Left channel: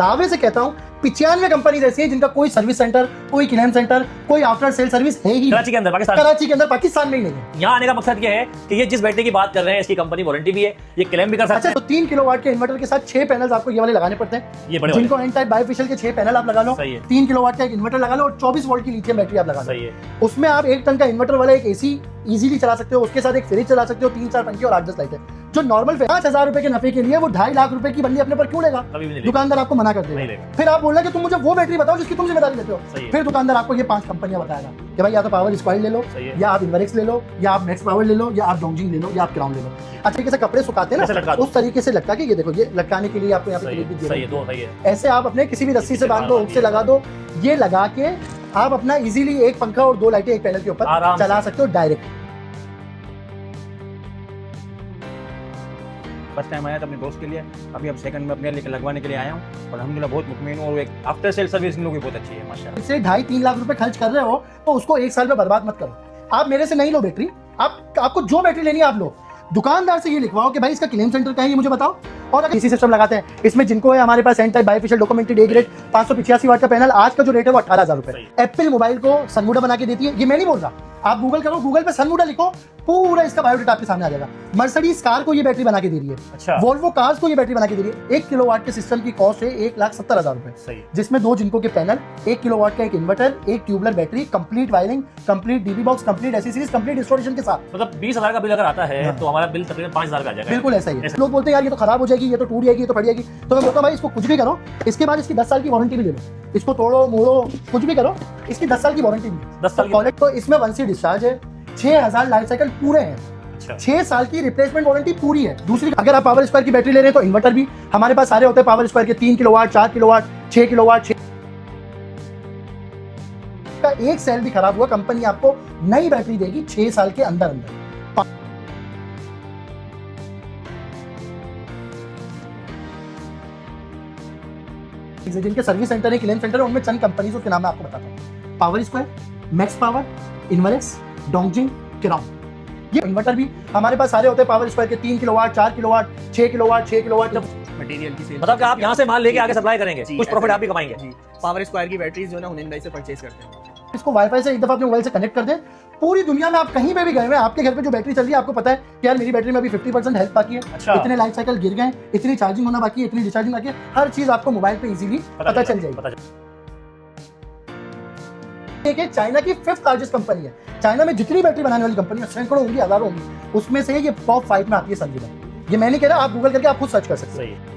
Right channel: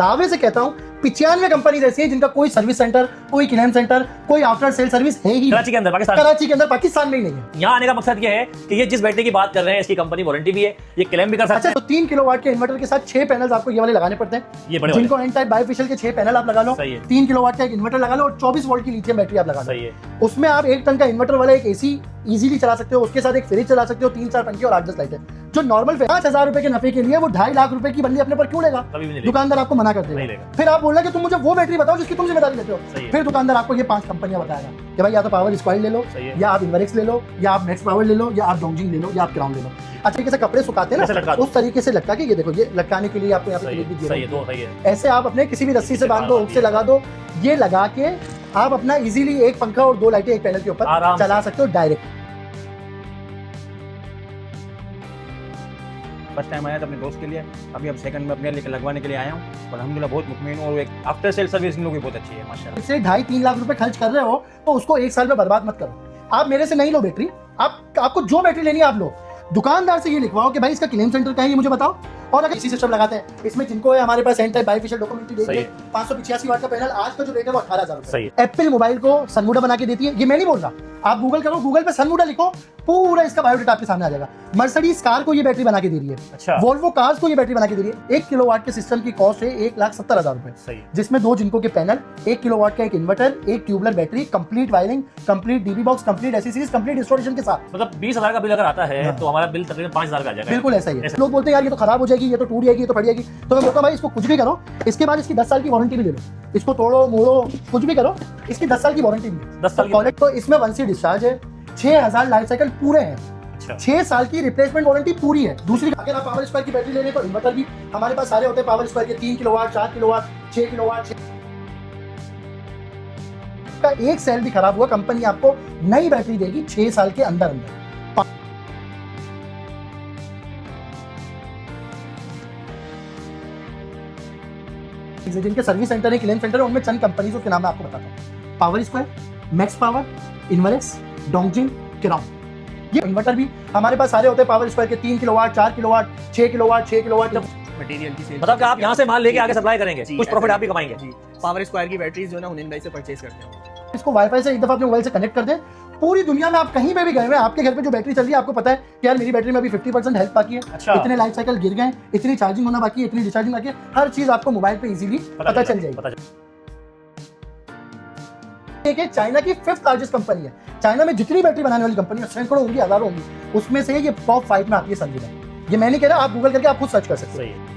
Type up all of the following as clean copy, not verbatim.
दावे से कहता हूँ 95 कंपनी ऐसी है जिनका कोई सर्विस सेंटर, कोई क्लेम सेंटर, कोई आफ्टर सेल सर्विस है ही कराची के अंदर, पाकिस्तान में ही नहीं है। यहाँ आने का मकसद ये है कि ये जिस बैटरी की बात कर रहे हैं इसकी कंपनी वारंटी भी है, ये क्लेम भी कर सकते हैं। तो 3 किलोवाट के इन्वर्टर के साथ 6 पैनल आपको ये वाले लगाने पड़ते हैं, ये बड़े जिनको एन टाइप बायोफिशियल के 6 पैनल आप लगा लो, 3 किलोवाट का एक इन्वर्टर लगा लो और 24 वोल्ट की लिथियम बैटरी आप लगा लो। उसमें आप 1 टन का इन्वर्टर वाला एक एसी इजीली चला सकते हो, उसके साथ एक फ्रिज चला सकते हो, 3-4 पंखे और 8-10 लाइटें। जो नॉर्मल 5,000 रुपए के नफे के लिए वो 2.5 लाख रुपए की बल्ली अपने पर क्यों लेगा? दुकानदार आपको मना कर देगा। फिर आप बोलना कि तुम मुझे वो बैटरी बताओ जिसकी तुम जिम्मेदारी लेते हो। फिर दुकानदार आपको ये 5 कंपनियां बताएगा कि भाई या तो पावर स्क्वायर ले लो, या आप इनवर्क्स ले लो, या आप मैक्स पावर ले लो, या आप डोंगजिंग ले लो, या आप क्राउन ले लो। अच्छे तरीके से कपड़े सुखाते हैं ना, उस तरीके से लटका के, ये देखो, ये लटकाने के लिए आपको यहाँ पे क्लिप भी दिया है। ऐसे आप अपने किसी भी रस्सी से बांध दो, हुक से लगा दो, ये लगा के आप अपना इजीली एक पंखा और 2 लाइटें एक पैनल के ऊपर चला सकते हो डायरेक्ट। फर्स्ट टाइम आया था अपने दोस्त के लिए, अभी अब सेकंड में अपने लिए लगवाने के लिए आया हूँ और अल्हम्दुलिल्लाह बहुत मुतमईन हूँ। और एक आफ्टर सेल सर्विस इन लोगों की बहुत अच्छी है माशाल्लाह। इससे 2.5-3 लाख रुपए खर्च कर रहे हो तो उसको 1 साल में बर्बाद मत करो। आप मेरे से नहीं लो बैटरी, आपको जो बैटरी लेनी है आप लो। दुकानदार से ये लिखवाओ कि भाई इसका क्लेम सेंटर कहाँ है ये मुझे बताओ। और अगर इसी सिस्टम लगाते हैं, इसमें जिनको है हमारे पास N type bifacial documented A grade 585 watt का पैनल, आज का जो रेट है वो 18,000 रुपए। एप्पल मोबाइल को सनमूडा बना के देती है, ये मैं नहीं बोल रहा, आप गूगल करो, गूगल पे सनमूडा लिखो, पूरा इसका बायोडेटा आपके सामने आ जाएगा। मर्सिडीज कार को ये बैटरी बना के दे रही है, अच्छा। वोल्वो कार्स को ये बैटरी बना के दे रही है। 1 किलोवाट के सिस्टम की कॉस्ट है 1,70,000 रुपए, जिसमें 2 जिनको के पैनल, 1 किलोवाट का एक इन्वर्टर, एक tubular battery, complete wiring, complete dB box, complete accessories, complete installation के साथ। मतलब 20,000 का बिल अगर आता है तो हमारा बिल तकरीबन 5,000 का आ जाएगा। बिल्कुल ऐसा ही है। लोग बोलते हैं यार ये तो खराब हो जाएगी, ये तो टूट जाएगी, ये तो फट जाएगी, तो मैं बोलता हूं भाई इसको कुछ भी करो, इसके बाद इसकी 10 साल की वारंटी भी ले लो। इसको तोड़ो मोड़ो कुछ भी करो, इसकी 10 साल की वारंटी भी है। 10 साल की। तो इसमें 1C डिस्चार्ज है, 6,000 लाइफ साइकिल पूरे हैं, 6 साल की रिप्लेसमेंट वारंटी पूरी है। दूसरी, अगर आप पावर स्क्वायर की बैटरी ले रहे हैं तो इन्वर्टर भी हमारे पास सारे होते हैं पावर स्क्वायर के, 3 किलोवाट, 4 किलोवाट, 6 किलोवाट। का एक सेल भी खराब हुआ, कंपनी आपको नई बैटरी देगी 6 साल के अंदर अंदर। जिनके सर्विस सेंटर है, क्लेम सेंटर है, उनमें चंद कंपनी के नाम मैं आपको बताता हूँ। Power Square, Max Power, Inverex, Dongjing, Crown. ये इन्वर्टर भी हमारे पास सारे होते हैं पावर स्क्वायर के, 3 kilowatt, 4 kilowatt, 6 kilowatt, 6 kilowatt. Material की सेल, मतलब कि आप यहाँ से माल लेके आगे सप्लाई करेंगे, कुछ प्रॉफिट आप भी कमाएंगे। जी, पावर स्क्वायर की बैटरीज जो है ना हुनैन भाई से परचेज करते हैं। इसको वाईफाई से एक दफा अपने मोबाइल से कनेक्ट कर दें, पूरी दुनिया में आप कहीं पे भी गए हुए, आपके घर पे जो बैटरी चल रही है, आपको पता है कि यार मेरी बैटरी में अभी 50% हेल्थ बाकी है, अच्छा। इतने लाइफ साइकिल गिर गए, इतनी चार्जिंग होना बाकी है, इतनी डिस्चार्जिंग बाकी है, हर चीज आपको मोबाइल पे इजीली पता चल जाएगी। चाइना की 5th लार्जेस्ट कंपनी है। चाइना में जितनी बैटरी बनाने वाली कंपनी सैकड़ों होंगी, हजारों होंगी, उसमें से ये टॉप 5 में आती है संजीदा। ये मैं नहीं कह रहा, आप गूगल करके आप खुद सर्च कर सकते हैं।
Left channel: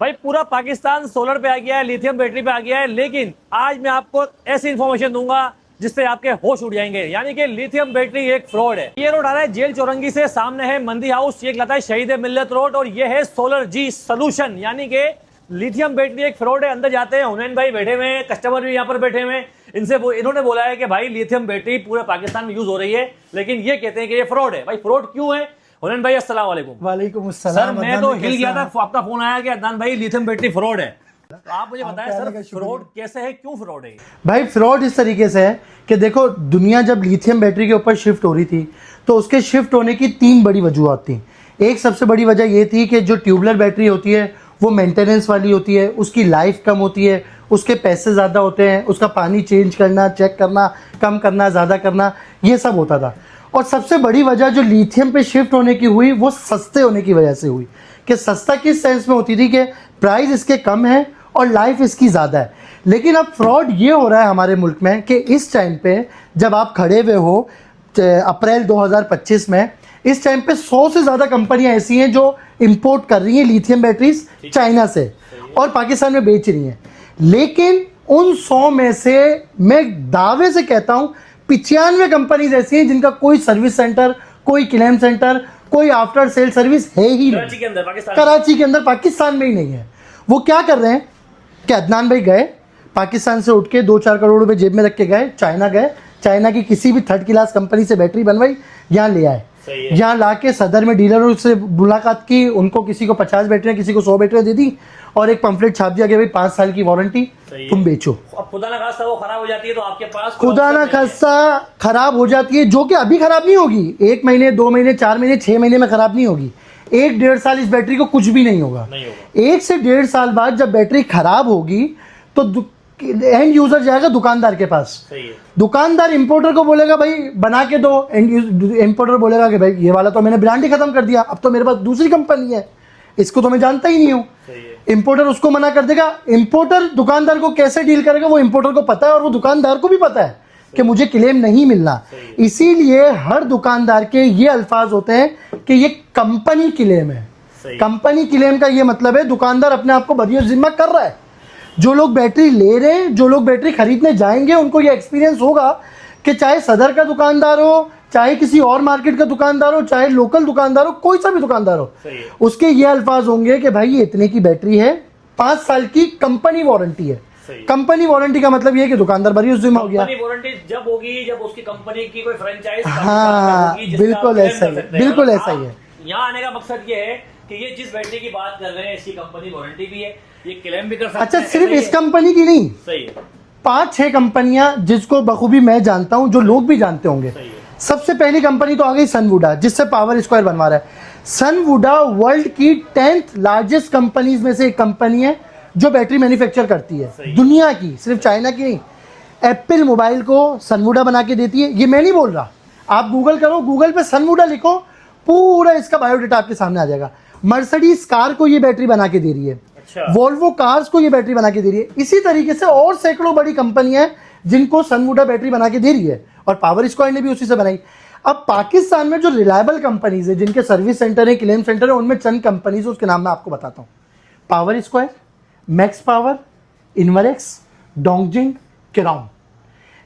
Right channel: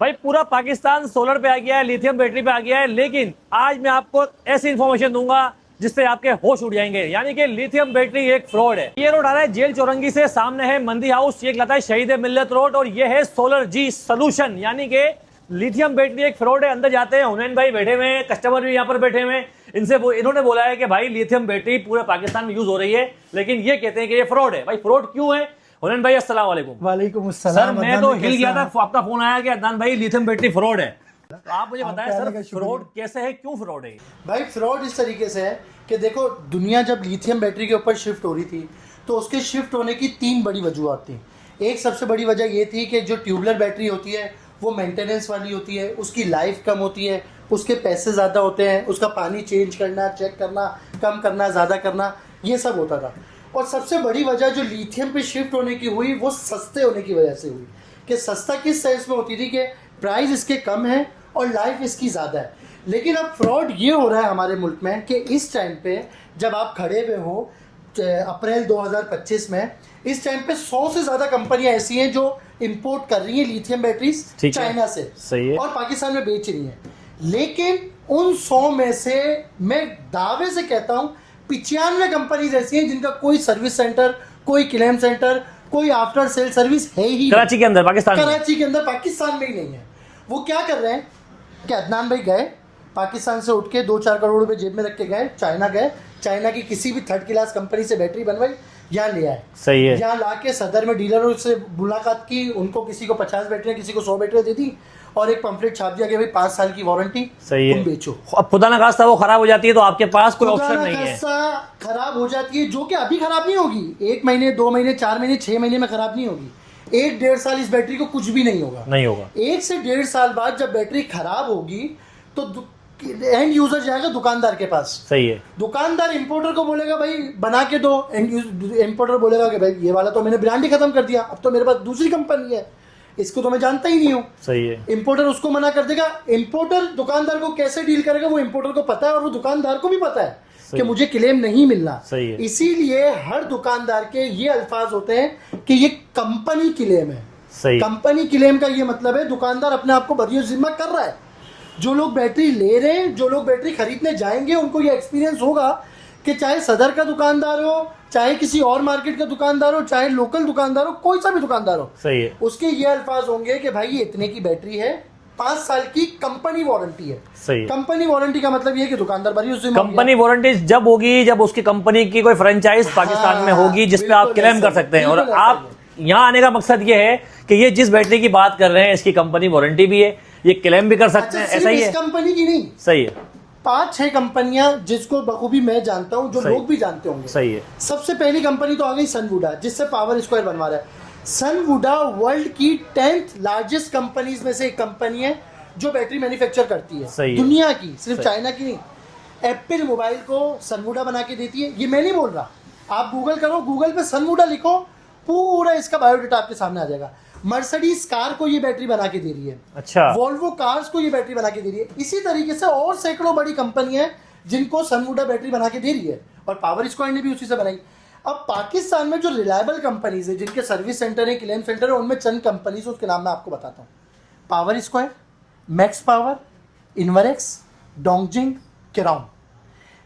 भाई पूरा पाकिस्तान सोलर पे आ गया है, लिथियम बैटरी पे आ गया है, लेकिन आज मैं आपको ऐसी इंफॉर्मेशन दूंगा जिससे आपके होश उड़ जाएंगे। यानी कि लिथियम बैटरी एक फ्रॉड है। ये रोड आ रहा है जेल चौरंगी से, सामने है मंदी हाउस, ये कहलाता है शहीद मिल्लत रोड, और ये है सोलर जी सोल्यूशन। यानी कि लिथियम बैटरी एक फ्रॉड है। अंदर जाते हैं, हुनैन भाई बैठे हुए हैं, कस्टमर भी यहाँ पर बैठे हुए हैं, इन्होंने बोला है कि भाई लिथियम बैटरी पूरे पाकिस्तान में यूज हो रही है, लेकिन ये कहते हैं कि ये फ्रॉड है। भाई फ्रॉड क्यों है? हुनैन भाई अस्सलाम वालेकुम। वालेकुम अस्सलाम। सर मैं तो हिल गया था, आपका फोन आया कि अदनान भाई लिथियम बैटरी फ्रॉड है। तो आप मुझे बताएं सर फ्रॉड कैसे है, क्यों फ्रॉड है? भाई फ्रॉड इस तरीके से है कि देखो, दुनिया जब लिथियम बैटरी के ऊपर शिफ्ट हो रही थी तो उसके शिफ्ट होने की 3 बड़ी वजूहत थी। एक सबसे बड़ी वजह ये थी कि जो ट्यूबलर बैटरी होती है वो मेंटेनेंस वाली होती है, उसकी लाइफ कम होती है, उसके पैसे ज़्यादा होते हैं, उसका पानी चेंज करना, चेक करना, कम करना, ज़्यादा करना, ये सब होता था। और सबसे बड़ी वजह जो लिथियम पे शिफ्ट होने की हुई वो सस्ते होने की वजह से हुई। कि सस्ता किस सेंस में होती थी कि प्राइस इसके कम है और लाइफ इसकी ज़्यादा है। लेकिन अब फ्रॉड ये हो रहा है हमारे मुल्क में कि इस टाइम पे जब आप खड़े हुए हो अप्रैल 2025 में, इस टाइम पे 100 से ज़्यादा कंपनियां ऐसी हैं जो इंपोर्ट कर रही हैं लिथियम बैटरीज चाइना से और पाकिस्तान में बेच रही हैं। लेकिन उन 100 में से मैं दावे से कहता हूँ 95 कंपनीज ऐसी हैं जिनका कोई सर्विस सेंटर, कोई क्लेम सेंटर, कोई आफ्टर सेल सर्विस है ही कराची के अंदर, पाकिस्तान में ही नहीं है। वो क्या कर रहे हैं कि अदनान भाई गए पाकिस्तान से उठ के 2-4 करोड़ रुपए जेब में रख के गए, चाइना गए, चाइना की किसी भी थर्ड क्लास कंपनी से बैटरी बनवाई, यहाँ ले आए, सही है। यहाँ लाके सदर में डीलरों से मुलाकात की, उनको किसी को 50 बैटरियां, किसी को 100 बैटरियां दे दी और एक पंफलेट छाप दिया कि भाई 5 साल की वारंटी, सही तुम है। बेचो। अब खुदा ना खास्ता वो खराब हो जाती है तो आपके पास कोई खुदा option ना नहीं है। खास्ता खराब हो जाती है, जो कि अभी खराब नहीं होगी, 1 महीने 2 महीने 4 महीने 6 महीने में खराब नहीं होगी, 1-1.5 साल इस बैटरी को कुछ भी नहीं होगा। नहीं होगा। 1 से 1.5 साल बाद जब बैटरी खराब होगी तो एंड यूजर जाएगा दुकानदार के पास, सही है। दुकानदार इंपोर्टर को बोलेगा भाई बना के दो, इंपोर्टर बोलेगा कि भाई ये वाला तो मैंने ब्रांड ही खत्म कर दिया, अब तो मेरे पास दूसरी कंपनी है, इसको तो मैं जानता ही नहीं हूँ। सही है। इंपोर्टर उसको मना कर देगा। इंपोर्टर दुकानदार को कैसे डील करेगा, वो इंपोर्टर को पता है और वो दुकानदार को भी पता है कि मुझे क्लेम नहीं मिलना। सही है। इसीलिए हर दुकानदार के ये अल्फाज होते हैं कि ये कंपनी क्लेम है। सही। कंपनी क्लेम का ये मतलब है दुकानदार अपने आप को बरियो जिम्मा कर रहा है। जो लोग बैटरी ले रहे हैं, जो लोग बैटरी खरीदने जाएंगे, उनको ये एक्सपीरियंस होगा कि चाहे सदर का दुकानदार हो, चाहे किसी और मार्केट का दुकानदार हो, चाहे लोकल दुकानदार हो, कोई सा भी दुकानदार हो, सही है। उसके ये अल्फाज होंगे कि भाई ये इतने की बैटरी है, 5 साल की कंपनी वारंटी है। सही है। कंपनी वारंटी का मतलब ये है कि दुकानदार बरियो जिम्मा हो गया। कंपनी वारंटी जब होगी जब उसकी कंपनी की कोई फ्रेंचाइज पाकिस्तान में होगी जिसपे आप बिल्कुल क्लेम ऐसा कर ही, सकते हैं। बिल्कुल और ऐसा आप ही है। यहाँ आने का मकसद ये है कि ये जिस बैटरी की बात कर रहे हैं इसकी कंपनी वारंटी भी है, ये क्लेम भी कर सकते अच्छा, हैं। सिर्फ ऐसा ही इस है। कंपनी की नहीं, सही है। 5-6 कंपनियां जिसको बखूबी मैं जानता हूं, जो लोग भी जानते होंगे। सही है। सबसे पहली कंपनी तो आ गई सनवुडा, जिससे पावर स्क्वायर बनवा रहा है। सनवुडा वर्ल्ड की 10th लार्जेस्ट कंपनीज में से एक कंपनी है जो बैटरी मैन्युफैक्चर करती है, सही है। दुनिया की, सिर्फ चाइना की नहीं। एप्पल मोबाइल को सनवुडा बना के देती है, ये मैं नहीं बोल रहा, आप गूगल करो, गूगल पे सनवुडा लिखो, पूरा इसका बायोडेटा आपके सामने आ जाएगा। मर्सिडीज कार को ये बैटरी बना के दे रही है, अच्छा। वोल्वो कार्स को ये बैटरी बना के दे रही है। इसी तरीके से और सैकड़ों बड़ी कंपनियां हैं जिनको सनवुडा बैटरी बना के दे रही है, और पावर स्क्वायर ने भी उसी से बनाई। अब पाकिस्तान में जो रिलायबल कंपनीज है, जिनके सर्विस सेंटर है, क्लेम सेंटर है, उनमें चंद कंपनीज, उसके नाम मैं आपको बताता हूँ। Power Square, Max Power, Inverex, Dongjing, Crown,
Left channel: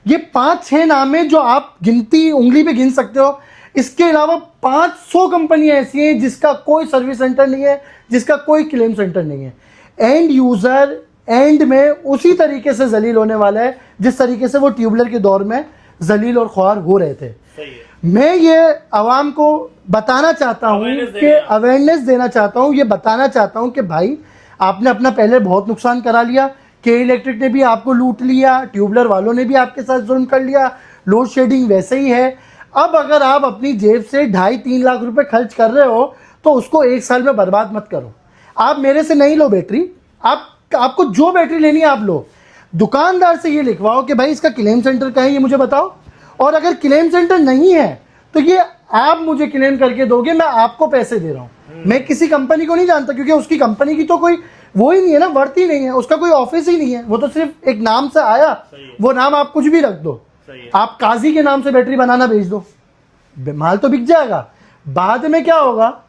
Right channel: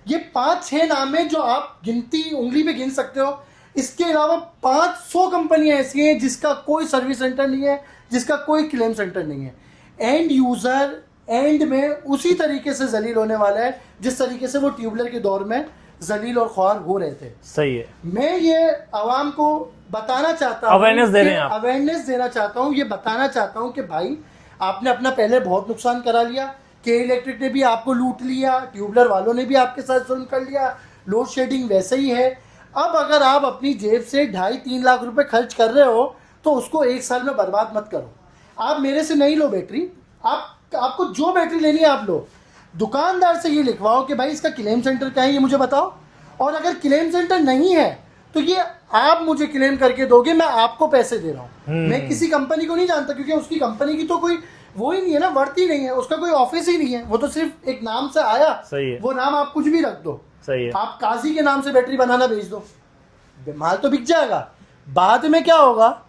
ये 5-6 नाम है जो आप गिनती उंगली पे गिन सकते हो। इसके अलावा 500 कंपनियां ऐसी हैं जिसका कोई सर्विस सेंटर नहीं है, जिसका कोई क्लेम सेंटर नहीं है। एंड यूजर एंड में उसी तरीके से जलील होने वाला है जिस तरीके से वो ट्यूबलर के दौर में जलील और ख्वार हो रहे थे। सही है। मैं ये आवाम को बताना चाहता हूँ, Awareness दे रहे हैं आप। अवेयरनेस देना चाहता हूँ, ये बताना चाहता हूँ कि भाई आपने अपना पहले बहुत नुकसान करा लिया, के इलेक्ट्रिक ने भी आपको लूट लिया, ट्यूबलर वालों ने भी आपके साथ जुल्म कर लिया, लोड शेडिंग वैसे ही है। अब अगर आप अपनी जेब से 2.5-3 लाख रुपए खर्च कर रहे हो तो उसको 1 साल में बर्बाद मत करो। आप मेरे से नहीं लो बैटरी, आपको जो बैटरी लेनी है आप लो, दुकानदार से ये लिखवाओ कि भाई इसका क्लेम सेंटर क्या है ये मुझे बताओ, और अगर क्लेम सेंटर नहीं है तो ये आप मुझे क्लेम करके दोगे, मैं आपको पैसे दे रहा हूँ। मैं किसी कंपनी को नहीं जानता, क्योंकि उसकी कंपनी की तो कोई वो ही नहीं है ना, वर्थ ही नहीं है, उसका कोई ऑफिस ही नहीं है, वो तो सिर्फ एक नाम से आया। सही है। वो नाम आप कुछ भी रख दो, सही है। आप काजी के नाम से बैटरी बनाना भेज दो, माल तो बिक जाएगा, बाद में क्या होगा,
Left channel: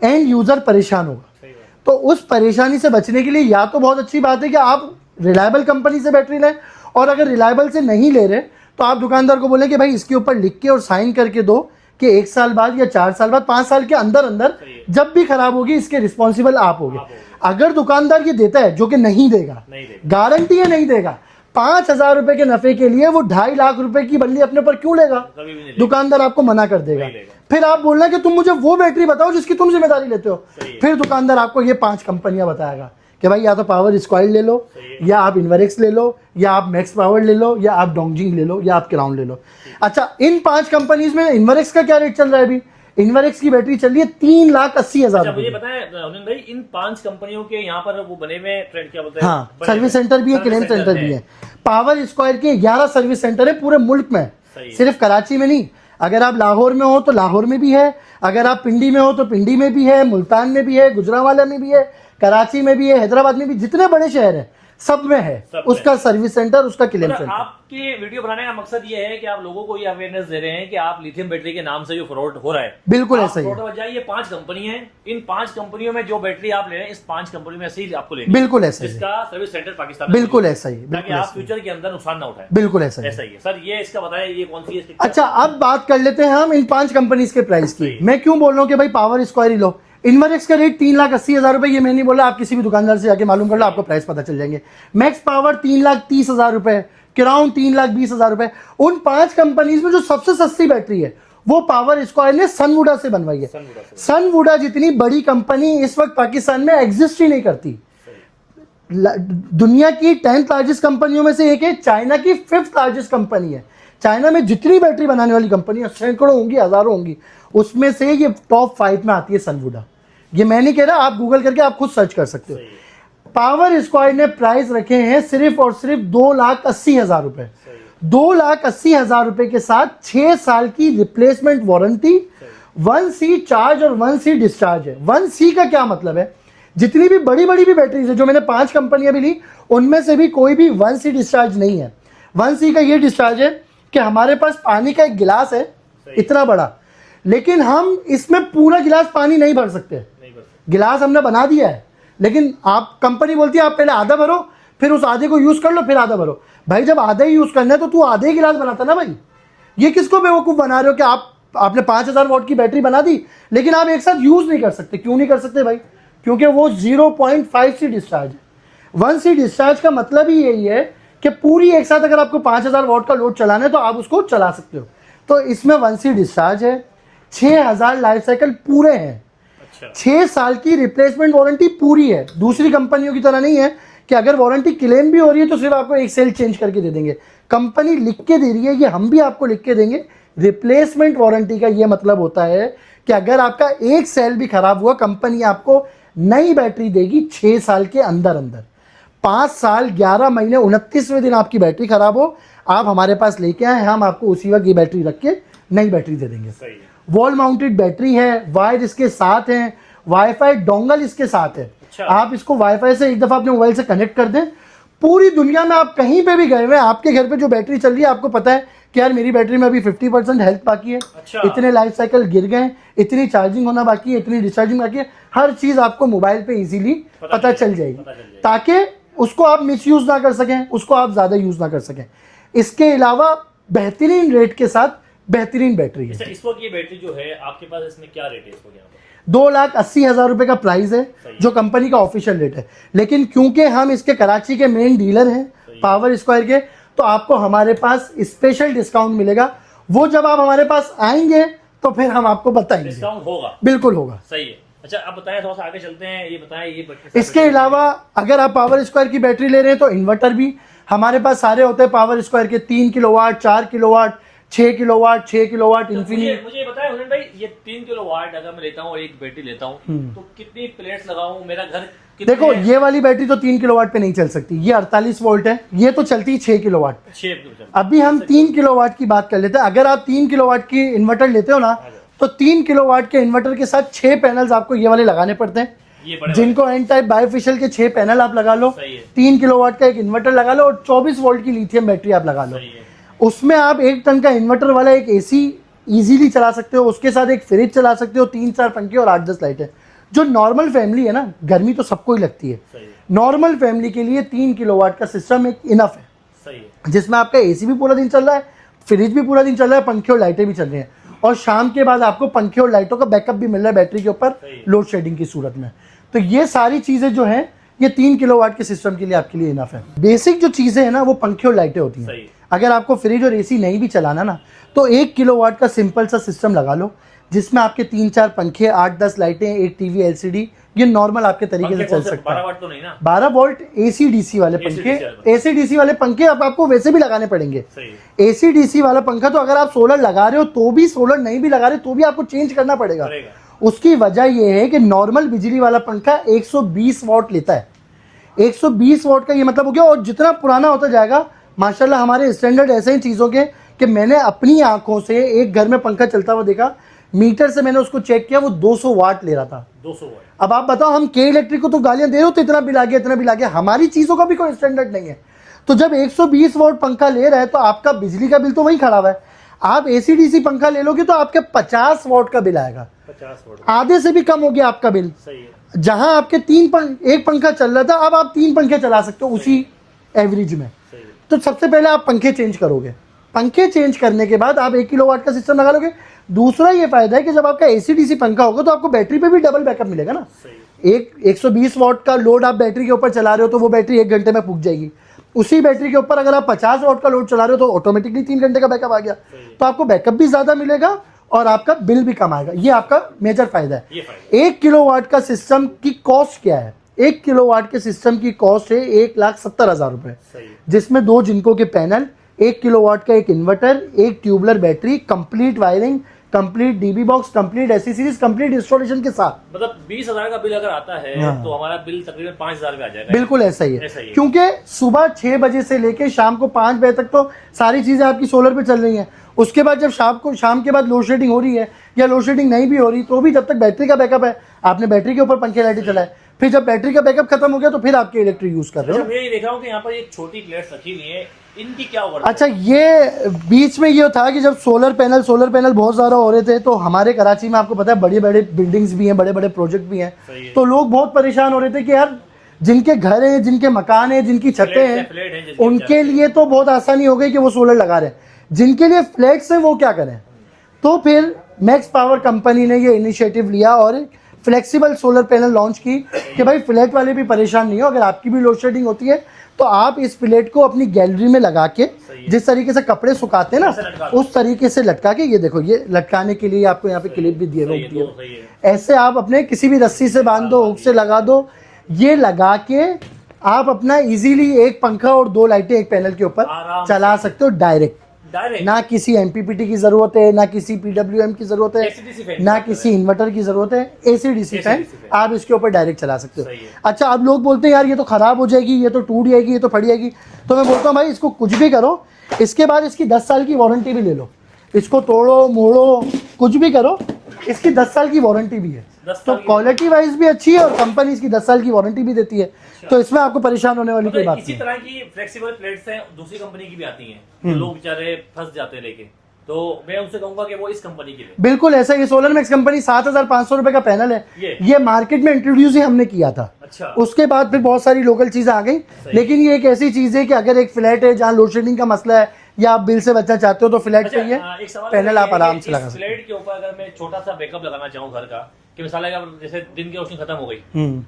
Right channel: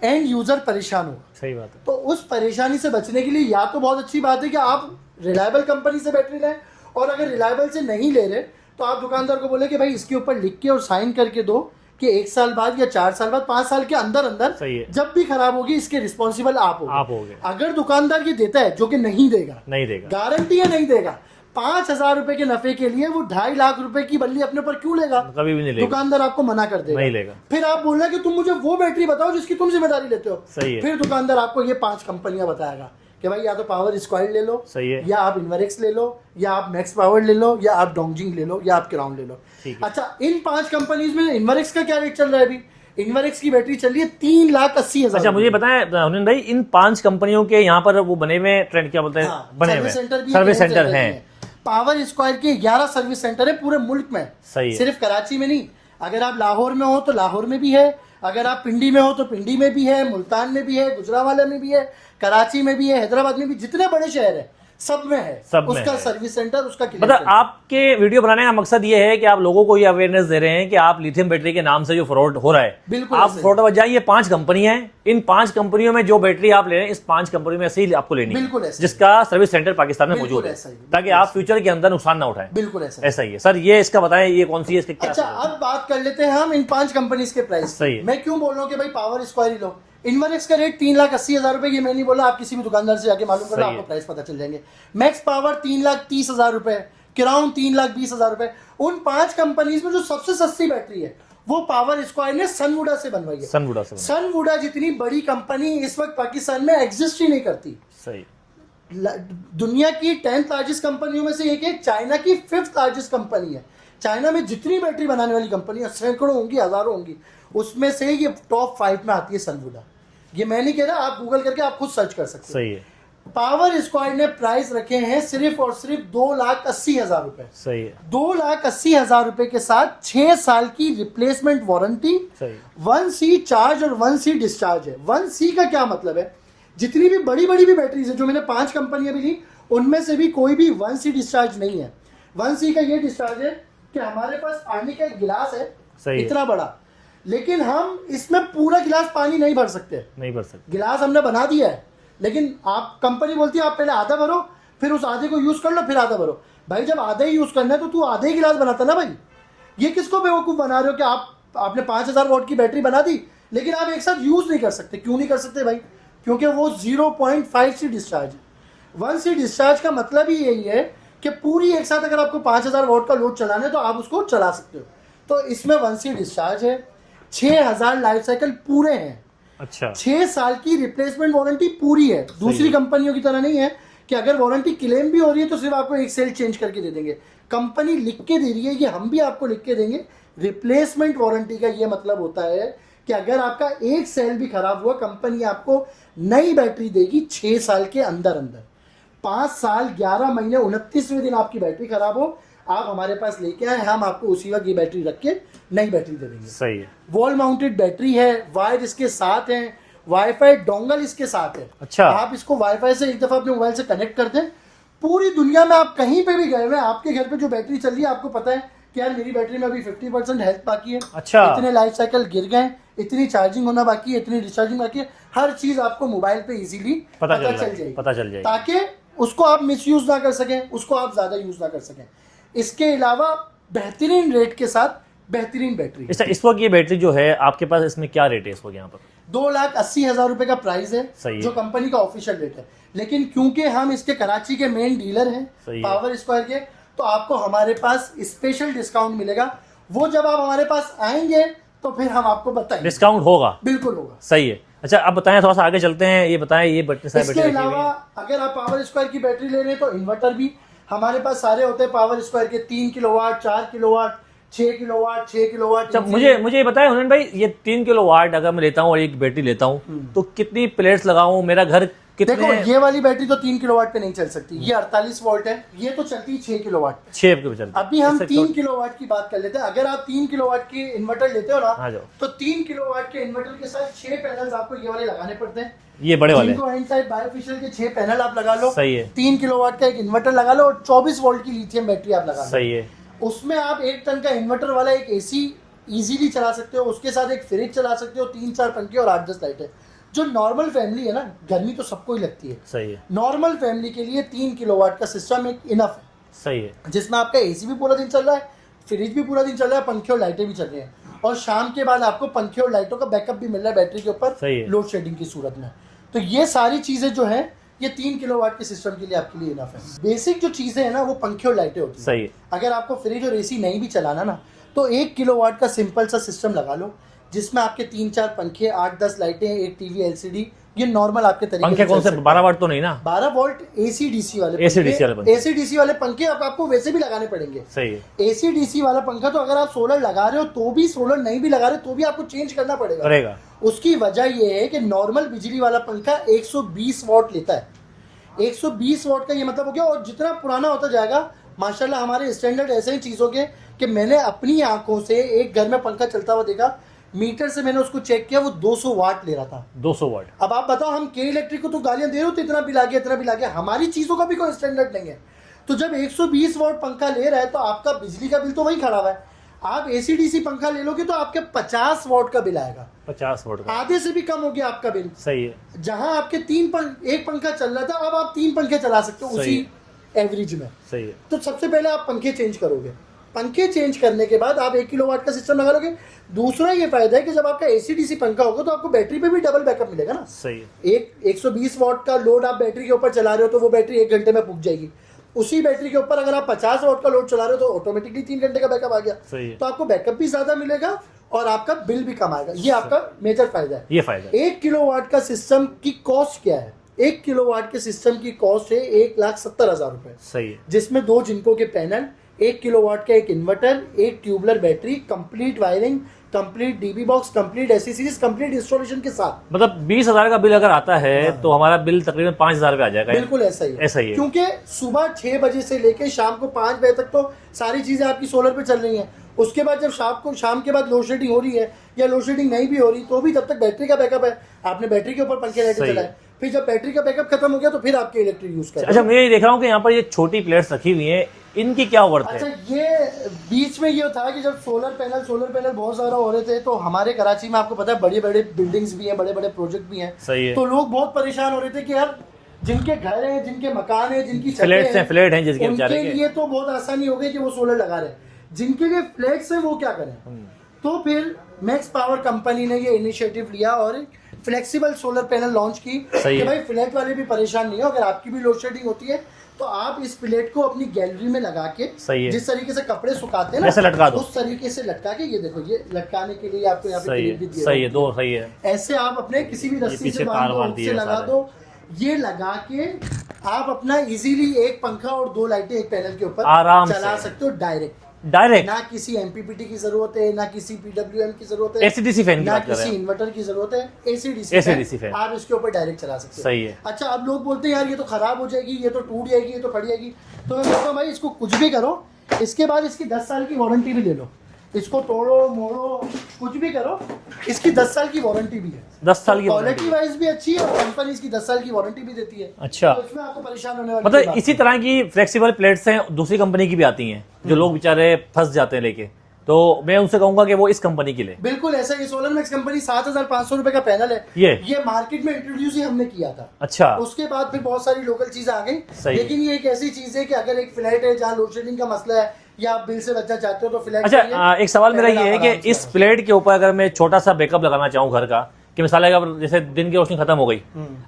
एंड यूजर परेशान होगा। सही बात है। तो उस परेशानी से बचने के लिए या तो बहुत अच्छी बात है कि आप रिलायबल कंपनी से बैटरी लें, और अगर रिलायबल से नहीं ले रहे तो आप दुकानदार को बोले कि भाई इसके ऊपर लिख के और साइन करके दो कि 1 साल बाद या 4 साल बाद, 5 साल के अंदर अंदर सही है। जब भी खराब होगी इसके रिस्पॉन्सिबल आप आप होगे। होगे। अगर दुकानदार ये देता है, जो कि नहीं देगा, नहीं देगा। गारंटी है नहीं देगा, 5,000 रुपए के नफे के लिए वो 2.5 लाख रुपए की बल्ली अपने पर क्यों लेगा? कभी भी नहीं लेगा। दुकानदार आपको मना कर देगा, नहीं लेगा। फिर आप बोलना कि तुम मुझे वो बैटरी बताओ जिसकी तुम जिम्मेदारी लेते हो। सही है। फिर दुकानदार आपको ये 5 कंपनियां बताएगा कि भाई या तो पावर स्क्वायर ले लो, सही है। या आप इन्वरेक्स ले लो, या आप मैक्स पावर ले लो, या आप डोंगजिंग ले लो, या आप क्राउन ले लो। अच्छा, इन 5 कंपनीज में इन्वरेक्स का क्या रेट चल रहा है अभी? इन्वरेक्स की बैटरी चल रही है 3,80,000। अच्छा, मुझे पता है हुनैन भाई, इन 5 कंपनियों के यहाँ पर वो बने हुए ट्रेंड क्या बोलते हैं? हाँ, बने सर्विस हुए। सेंटर भी है, सर्विस क्लेम सेंटर सेंटर भी है। पावर स्क्वायर के 11 सर्विस सेंटर है पूरे मुल्क में, सही है। सिर्फ कराची में नहीं। अगर आप लाहौर में हो तो लाहौर में भी है, अगर आप पिंडी में हो तो पिंडी में भी है, मुल्तान में भी है, गुजरावाला में भी है, कराची में भी है, हैदराबाद में भी, जितने बड़े शहर है सब में है सब में उसका सर्विस सेंटर, उसका क्लेम मतलब सेंटर। आपके वीडियो बनाने का मकसद ये है कि आप लोगों को ये अवेयरनेस दे रहे हैं कि आप लिथियम बैटरी के नाम से जो फ्रॉड हो रहा है, बिल्कुल आप ऐसा ही फ्रॉड है। बच जाइए। 5 कंपनियां हैं, इन 5 कंपनियों में जो बैटरी आप ले रहे हैं, इस 5 कंपनियों में से ही आपको लेनी है, बिल्कुल ऐसा ही है। जिसका सर्विस सेंटर पाकिस्तान में बिल्कुल मौजूद है, ऐसा ही है, ताकि आप फ्यूचर के अंदर नुकसान ना उठाएं। बिल्कुल ऐसा ही है। ऐसा ही है सर। ये इसका बताएं, ये कौन सी है, इसके क्या- अच्छा, अब बात कर लेते हैं हम इन 5 कंपनीज के प्राइस सही की। है। मैं क्यों बोल रहा हूँ कि भाई पावर स्क्वायर ही लो। इन्वरेक्स का रेट 3,80,000 रुपए, ये मैं नहीं बोला, आप किसी भी दुकानदार से जाके मालूम कर लो, आपको प्राइस पता चल जाएंगे। मैक्स पावर 3,30,000 रुपए, किराउन 3,20,000 रुपए। उन 5 कंपनीज में जो सबसे सस्ती बैटरी है वो पावर स्क्वायर ने सनवुडा से बनवाई है। सनवुडा से। सनवुडा जितनी बड़ी कंपनी इस वक्त पाकिस्तान में एग्जिस्ट ही नहीं करती। सही। दुनिया की 10th लार्जेस्ट कंपनियों में से एक है, चाइना की 5th लार्जेस्ट कंपनी है। चाइना में जितनी बैटरी बनाने वाली कंपनियां सैकड़ों होंगी, हजारों होंगी, उसमें से ये टॉप 5 में आती है सनवुडा। ये मैं नहीं कह रहा, आप गूगल करके आप खुद सर्च कर सकते हो। सही है। पावर स्क्वायर ने प्राइस रखे हैं सिर्फ और सिर्फ 2,80,000 रुपए। सही है। 2,80,000 रुपए के साथ 6 साल की रिप्लेसमेंट वारंटी, 1C चार्ज और 1C डिस्चार्ज है। 1C का क्या मतलब है, जितनी भी बड़ी बड़ी भी बैटरीज है जो मैंने 5 कंपनियां भी ली, उनमें से भी कोई भी 1C डिस्चार्ज नहीं है। 1C का ये डिस्चार्ज है कि हमारे पास पानी का एक गिलास है इतना बड़ा, लेकिन हम इसमें पूरा गिलास पानी नहीं भर सकते। गिलास हमने बना दिया है, लेकिन आप कंपनी बोलती है आप पहले आधा भरो, फिर उस आधे को यूज कर लो, फिर आधा भरो। भाई जब आधा ही यूज करना है तो तू आधे ही गिलास बनाता ना भाई। ये किसको बेवकूफ बना रहे हो कि आपने 5,000 वॉट की बैटरी बना दी, लेकिन आप एक साथ यूज नहीं कर सकते। क्यों नहीं कर सकते भाई? क्योंकि वो 0.5C डिस्चार्ज है। 1C डिस्चार्ज का मतलब ही यही है कि पूरी एक साथ अगर आपको 5,000 वॉट का लोड चलाना है तो आप उसको चला सकते हो। तो इसमें 1C डिस्चार्ज है, 6,000 लाइफ साइकिल पूरे हैं। अच्छा। 6 साल की रिप्लेसमेंट वारंटी पूरी है। दूसरी कंपनियों की तरह नहीं है कि अगर वारंटी क्लेम भी हो रही है तो सिर्फ आपको एक सेल चेंज करके दे देंगे। कंपनी लिख के दे रही है, ये हम भी आपको लिख के देंगे। रिप्लेसमेंट वारंटी का ये मतलब होता है कि अगर आपका एक सेल भी खराब हुआ, कंपनी आपको नई बैटरी देगी 6 साल के अंदर अंदर। 5 साल 11 महीने 29वें दिन आपकी बैटरी खराब हो, आप हमारे पास लेके आए, हम आपको उसी वक्त ये बैटरी रख के नई बैटरी दे देंगे। सही है। वॉल माउंटेड बैटरी है, वायर इसके साथ है, वाईफाई डोंगल इसके साथ है। अच्छा। आप इसको वाईफाई से एक दफा अपने मोबाइल से कनेक्ट कर दें, पूरी दुनिया में आप कहीं पे भी गए हुए, आपके घर पे जो बैटरी चल रही है, आपको पता है कि यार मेरी बैटरी में अभी 50% हेल्थ बाकी है। अच्छा। इतने लाइफ साइकिल गिर गए, इतनी चार्जिंग होना बाकी है, इतनी डिस्चार्जिंग बाकी है, हर चीज आपको मोबाइल पे इजीली पता चल जाएगी, ताकि उसको आप मिसयूज ना कर सकें, उसको आप ज्यादा यूज ना कर सकें। इसके अलावा बेहतरीन रेट के साथ बेहतरीन बैटरी। इस वक्त ये बैटरी जो है आपके पास, इसमें क्या रेट है इस वक्त यहाँ पर? 2,80,000 रुपए का प्राइस है जो कंपनी का ऑफिशियल रेट है, लेकिन क्योंकि हम इसके कराची के मेन डीलर हैं पावर स्क्वायर के, तो आपको हमारे पास स्पेशल डिस्काउंट मिलेगा। वो जब आप हमारे पास आएंगे तो फिर हम आपको बताएंगे। डिस्काउंट होगा? बिल्कुल होगा। सही है। अच्छा, अब बताएं, थोड़ा सा आगे चलते हैं, ये बताएं ये बैटरी। इसके अलावा अगर आप पावर स्क्वायर की बैटरी ले रहे हैं तो इन्वर्टर भी हमारे पास सारे होते हैं पावर स्क्वायर के। 3 किलोवाट, 4 किलोवाट, 6 किलोवाट, 6 किलोवाट। मुझे ये बताएं हुनैन भाई, ये 3 किलोवाट अगर मैं लेता हूँ और एक बैटरी लेता हूँ तो कितनी प्लेट्स लगाऊं? मेरा घर कितने? देखो, ये वाली बैटरी तो 3 किलोवाट पे नहीं चल सकती, ये 48 वोल्ट है, ये तो चलती है 6 किलोवाट। 6 किलोवाट। अभी हम 3 किलोवाट की बात कर लेते हैं। अगर आप 3 किलोवाट की इन्वर्टर लेते हो ना, तो 3 किलोवाट के इन्वर्टर के साथ 6 पैनल्स आपको ये वाले लगाने पड़ते हैं, ये बड़े जिनको एन टाइप बायोफिशियल के 6 पैनल आप लगा लो। सही है। 3 किलोवाट का एक इन्वर्टर लगा लो और 24 वोल्ट की लिथियम बैटरी आप लगा लो। सही है। उसमें आप 1 टन का इन्वर्टर वाला एक एसी इजीली चला सकते हो, उसके साथ एक फ्रिज चला सकते हो, 3-4 पंखे और 8-10 लाइटें। जो नॉर्मल फैमिली है ना, गर्मी तो सबको ही लगती है। सही है। नॉर्मल फैमिली के लिए 3 किलोवाट का सिस्टम एक इनफ है। सही है। जिसमें आपका एसी भी पूरा दिन चल रहा है, फ्रिज भी पूरा दिन चल रहा है, पंखे और लाइटें भी चल रही हैं, और शाम के बाद आपको पंखे और लाइटों का बैकअप भी मिल रहा है बैटरी के ऊपर लोड शेडिंग की सूरत में। तो ये सारी चीजें जो है ये 3 किलोवाट के सिस्टम के लिए आपके लिए इनफ है। बेसिक जो चीजें है ना, वो पंखे और लाइटें होती हैं। सही है। अगर आपको फ्रिज और एसी नहीं भी चलाना ना, तो 1 किलोवाट का सिंपल सा सिस्टम लगा लो, जिसमें आपके 3-4 पंखे, 8-10 लाइटें, एक टीवी एलसीडी, ये नॉर्मल आपके तरीके से चल सकता है। 12 वाट तो नहीं ना? 12 वोल्ट एसी डीसी वाले पंखे। एसी डीसी वाले पंखे अब आपको वैसे भी लगाने पड़ेंगे। सही है। एसी डीसी वाला पंखा तो अगर आप सोलर लगा रहे हो तो भी, सोलर नहीं भी लगा रहे तो भी आपको चेंज करना पड़ेगा। उसकी वजह यह है कि नॉर्मल बिजली वाला पंखा 120 वॉट लेता है। 120 वॉट का ये मतलब हो गया, और जितना पुराना होता जाएगा माशाल्लाह हमारे स्टैंडर्ड ऐसे ही चीज़ों के कि मैंने अपनी आंखों से एक घर में पंखा चलता हुआ देखा, मीटर से मैंने उसको चेक किया, वो 200 वाट ले रहा था। 200 वाट। अब आप बताओ, हम के इलेक्ट्रिक को तो गालियां दे रहे हो तो इतना बिल आ गया, इतना बिल आ गया। हमारी चीज़ों का भी कोई स्टैंडर्ड नहीं है। तो जब 120 वॉट पंखा ले रहा है तो आपका बिजली का बिल तो वही खड़ा हुआ है। आप एसी डीसी पंखा ले लोगे तो आपके 50 वॉट का बिल आएगा। 50 वॉट, आधे से भी कम हो गया आपका बिल। सही है। जहां आपके एक पंखा चल रहा था, अब आप 3 पंखे चला सकते हो उसी एवरेज में। सही है। तो सबसे पहले आप पंखे चेंज करोगे, पंखे चेंज करने के बाद आप 1 किलोवाट का सिस्टम लगा लोगे। दूसरा ये फायदा है कि जब आपका एसी डीसी पंखा होगा तो आपको बैटरी पे भी डबल बैकअप मिलेगा ना। सही है। 120 वॉट का लोड आप बैटरी के ऊपर चला रहे हो तो वो बैटरी 1 घंटे में फूक जाएगी। उसी बैटरी के ऊपर अगर आप 50 वॉट का लोड चला रहे हो तो ऑटोमेटिकली 3 घंटे का बैकअप आ गया। सही है। तो आपको बैकअप भी ज्यादा मिलेगा और आपका बिल भी कम आएगा। ये आपका मेजर फायदा है। ये फायदा 1 किलोवाट का सिस्टम की कॉस्ट क्या है? 1 किलोवाट के सिस्टम की कॉस्ट है 1,70,000 रुपए, सही है। जिसमें 2 जिनको के पैनल, 1 किलोवाट का एक इन्वर्टर, एक tubular battery, complete wiring, complete dB box, complete accessories, complete installation के साथ। मतलब 20,000 का बिल अगर आता है हाँ। तो हमारा बिल तकरीबन 5,000 पे आ जाएगा। बिल्कुल ऐसा ही है। ऐसा ही है। क्योंकि सुबह 6 बजे से लेके शाम को 5 बजे तक तो सारी चीजें आपकी सोलर पे चल रही हैं। उसके बाद जब शाम के बाद लोड शेडिंग हो रही है या लोड शेडिंग नहीं भी हो रही तो भी जब तक बैटरी का बैकअप है, आपने बैटरी के ऊपर पंखे लाइटें सही चलाए, फिर जब बैटरी का बैकअप खत्म हो गया तो फिर आपके इलेक्ट्रिक यूज कर रहे अच्छा, हो। मैं ये देख रहा हूँ कि यहाँ पर ये छोटी प्लेट्स रखी हुई हैं, इनकी क्या वर्थ अच्छा, है? ये बीच में ये था कि जब सोलर पैनल बहुत ज्यादा हो रहे थे तो हमारे कराची में आपको पता है बड़ी बड़े बिल्डिंग्स भी हैं, बड़े बड़े प्रोजेक्ट भी हैं। सही है। तो लोग बहुत परेशान हो रहे थे कि यार जिनके घर हैं, जिनके मकान हैं, जिनकी छतें फ्लैट हैं जिसके उनके बेचारे के। लिए तो बहुत आसानी हो गई कि वो सोलर लगा रहे हैं। जिनके लिए फ्लैट्स है वो क्या करें? तो फिर मैक्स पावर कंपनी ने ये इनिशिएटिव लिया और फ्लेक्सिबल सोलर पैनल लॉन्च की सही कि है। भाई फ्लैट वाले भी परेशान नहीं हो, अगर आपकी भी लोड शेडिंग होती है तो आप इस प्लेट को अपनी गैलरी में लगा के सही है। जिस तरीके से कपड़े सुखाते हैं जैसे लटका ना, दो। उस तरीके से लटका के, ये देखो, ये लटकाने के लिए आपको यहाँ पे सही क्लिप भी है, दिए सही हुए है, हैं। दो सही है। ऐसे आप अपने किसी भी रस्सी से पीछे बांध तार दो, बांध हुक से दिया लगा सारे। दो, ये लगा के आप अपना इजीली एक पंखा और 2 लाइटें एक पैनल के ऊपर आराम चला से। सकते हो डायरेक्ट। डायरेक्ट ना किसी एमपीपीटी की जरूरत है, ना किसी पीडब्ल्यूएम की जरूरत है, AC/DC फैन की ना बात कर किसी रहे हैं। इन्वर्टर की जरूरत है, AC/DC AC/DC फैन फैन। आप इसके ऊपर डायरेक्ट चला सकते हो। सही है। अच्छा, अब लोग बोलते हैं यार ये तो खराब हो जाएगी, ये तो टूट जाएगी, ये तो फट जाएगी। तो मैं बोलता हूँ भाई इसको कुछ भी करो, इसके बाद इसकी 10 साल की वारंटी भी ले लो। इसको तोड़ो मोड़ो कुछ भी करो, इसकी 10 साल की वारंटी भी है। 10 साल की क्वालिटी वाइज भी अच्छी है और कंपनी इसकी 10 साल की वारंटी भी देती है। अच्छा। तो इसमें आपको परेशान होने वाली कोई मतलब बात इसी नहीं। तरह की फ्लेक्सिबल प्लेट्स हैं दूसरी कंपनी की भी आती हैं जो लोग बेचारे फंस जाते हैं लेके, तो मैं उनसे कहूंगा कि वो इस कंपनी की ले। बिल्कुल ऐसा, ये सोलर मैक्स कंपनी 7,500 रुपए का पैनल है। ये मार्केट में इंट्रोड्यूस ही हमने किया था। अच्छा, उसके बाद फिर बहुत सारी लोकल चीजें आ गई, सही। लेकिन ये एक ऐसी चीज है कि अगर एक फ्लैट है जहाँ लोड शेडिंग का मसला है या आप बिल से बचना चाहते हो तो फ्लैट अच्छा चाहिए। एक सवाल मेरा पैनल ये आप है आराम कि से इस लगा प्लेट के ऊपर अगर मैं छोटा सा बैकअप लगाना चाहूँ घर का, कि मिसाल है अगर जैसे दिन की रोशनी खत्म हो गई,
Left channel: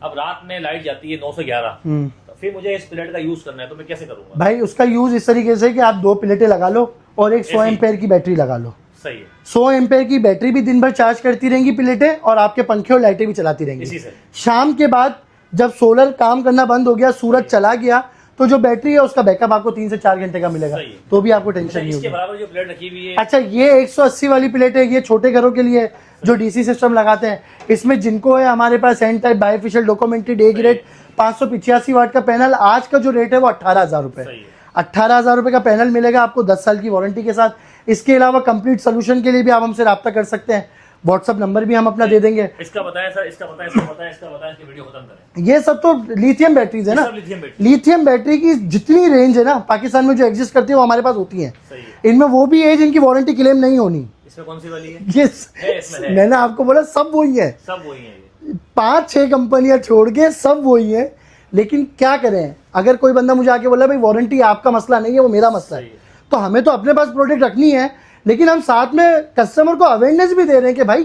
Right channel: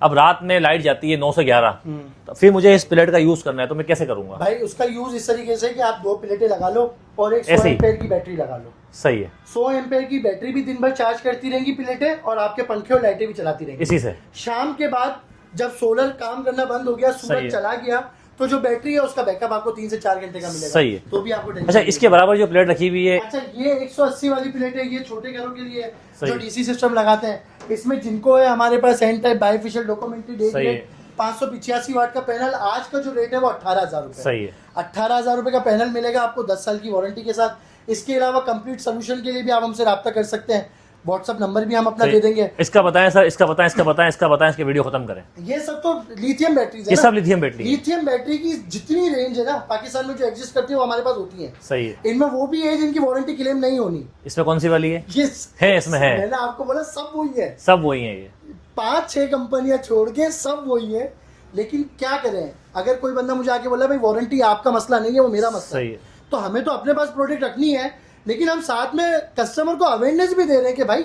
अब रात में लाइट जाती है 9 से 11, तो फिर मुझे इस प्लेट का यूज करना है तो मैं कैसे करूंगा? भाई उसका यूज इस तरीके से कि आप 2 प्लेटें लगा लो और एक 100 ऐसे ही? एम्पेयर की बैटरी लगा लो। सही है। 100 एम्पेयर की बैटरी भी दिन भर चार्ज करती रहेंगी प्लेटें और आपके पंखे और लाइटें भी चलाती रहेंगी। इसी से शाम के बाद जब सोलर काम करना बंद हो गया, सही सूरज है। चला गया, तो जो बैटरी है उसका बैकअप आपको 3 से 4 घंटे का मिलेगा। सही है। तो भी आपको टेंशन अच्छा, नहीं इसके होगी। बराबर जो प्लेट रखी हुई है, अच्छा, ये 180 वाली प्लेट है, ये छोटे घरों के लिए जो डीसी सिस्टम लगाते हैं। इसमें जिनको है हमारे पास N type bifacial documented A grade 585 watt का पैनल, आज का जो रेट है वो 18,000 रुपए। सही है। 18,000 रुपए का पैनल मिलेगा आपको 10 साल की वारंटी के साथ। इसके अलावा कंप्लीट सोल्यूशन के लिए भी आप हमसे रब्ता कर सकते हैं। व्हाट्सअप नंबर भी हम अपना दे देंगे। इसका बताएं सर, इसका बताएं, इसका बताएं, इसका बताएं, इसके वीडियो खत्म करें। ये सब तो लिथियम बैटरीज है ये ना। सब लिथियम बैटरी। लिथियम बैटरी की जितनी रेंज है ना पाकिस्तान में जो एग्जिस्ट करती है वो हमारे पास होती है। सही है। इनमें वो भी है जिनकी वारंटी क्लेम नहीं होनी। इसमें कौन सी वाली है? ये है, इसमें है। मैंने आपको बोला सब वही है। सब वही है ये। 5-6 कंपनियां छोड़ के सब वही है। लेकिन क्या करें, अगर कोई बंदा मुझे आके बोला भाई वारंटी आपका मसला नहीं है, वो मेरा मसला सही है, है। तो हमें तो अपने पास प्रोडक्ट रखनी है, लेकिन हम साथ में कस्टमर को अवेयरनेस भी दे रहे हैं कि भाई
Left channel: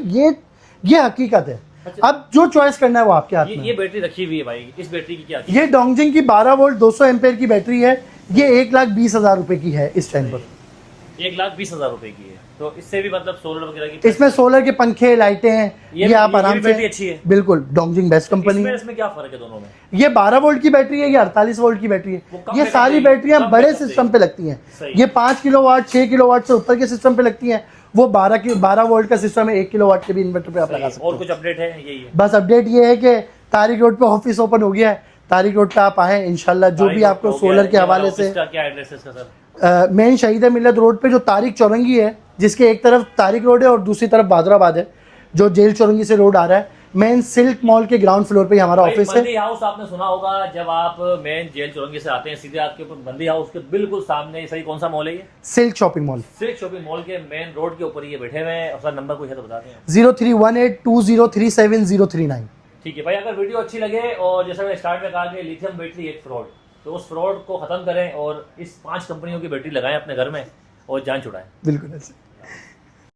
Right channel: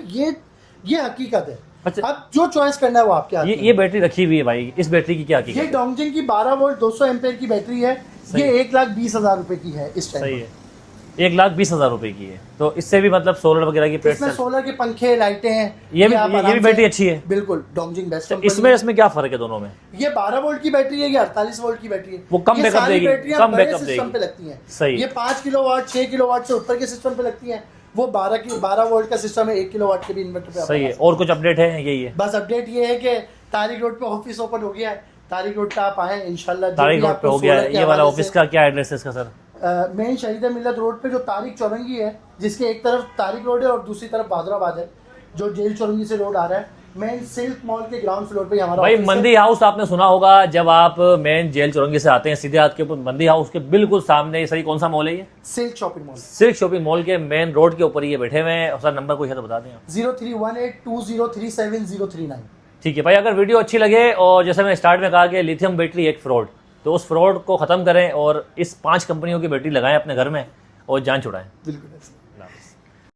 ये हकीकत है। अच्छा। अब जो चॉइस करना है वो आपके हाथ में ये बैटरी रखी हुई है भाई, इस बैटरी की क्या कीमत? ये डोंगजिंग की 12 वोल्ट 200 एम्पेयर की बैटरी है। ये 1,20,000 रुपए की है इस टाइम सही पर। है। 1,20,000 रुपए की है, तो इससे भी मतलब सोलर वगैरह की इसमें सोलर के पंखे लाइटें ये भी आराम से- बैटरी अच्छी है। बिल्कुल, डोंगजिंग बेस्ट कंपनी है। इसमें क्या फर्क है दोनों में? ये 12 वोल्ट की बैटरी है, ये 48 वोल्ट की बैटरी है। वो कम ये बैकअप सारी देगी, बैटरियां कम बड़े बैकअप सिस्टम देगी। पे लगती हैं। सही। ये 5 किलोवाट 6 किलोवाट से ऊपर के सिस्टम पे लगती हैं। वो 12 वोल्ट का सिस्टम है, 1 किलोवाट के भी इन्वर्टर पे आप सही लगा है। सकते और कुछ अपडेट है? यही है हैं। बस अपडेट ये है कि तारिक रोड पे ऑफिस ओपन हो गया है। तारिक रोड पे आप आए इंशाल्लाह, जो भी आपको सोलर के हवाले ऑफिस से। का क्या एड्रेस है इसका सर? मेन शहीद मिल्लत रोड पे जो तारिक चौरंगी है, जिसके एक तरफ तारिक रोड है और दूसरी तरफ बादराबाद है, जो जेल चौरंगी से रोड आ रहा है, मेन सिल्क मॉल के ग्राउंड फ्लोर पे ही हमारा भाई ऑफिस है। मंदी हाउस आपने सुना होगा, जब आप मेन जेल चौरंगी से आते हैं सीधे आपके ऊपर मंदी हाउस के बिल्कुल सामने, ये सही कौन सा मॉल है ये? Silk shopping mall. Silk shopping mall के मेन रोड के ऊपर ये बैठे हुए हैं। सर नंबर कोई है तो बता दें। 03182037 ठीक है भाई, अगर वीडियो अच्छी लगे और जैसे मैं स्टार्ट में कहा कि लिथियम बैटरी एक फ्रॉड, तो उस फ्रॉड को खत्म करें और इस 5 कंपनियों की बैटरी लगाएं अपने घर में और जान छुड़ाएं। बिल्कुल ऐसे।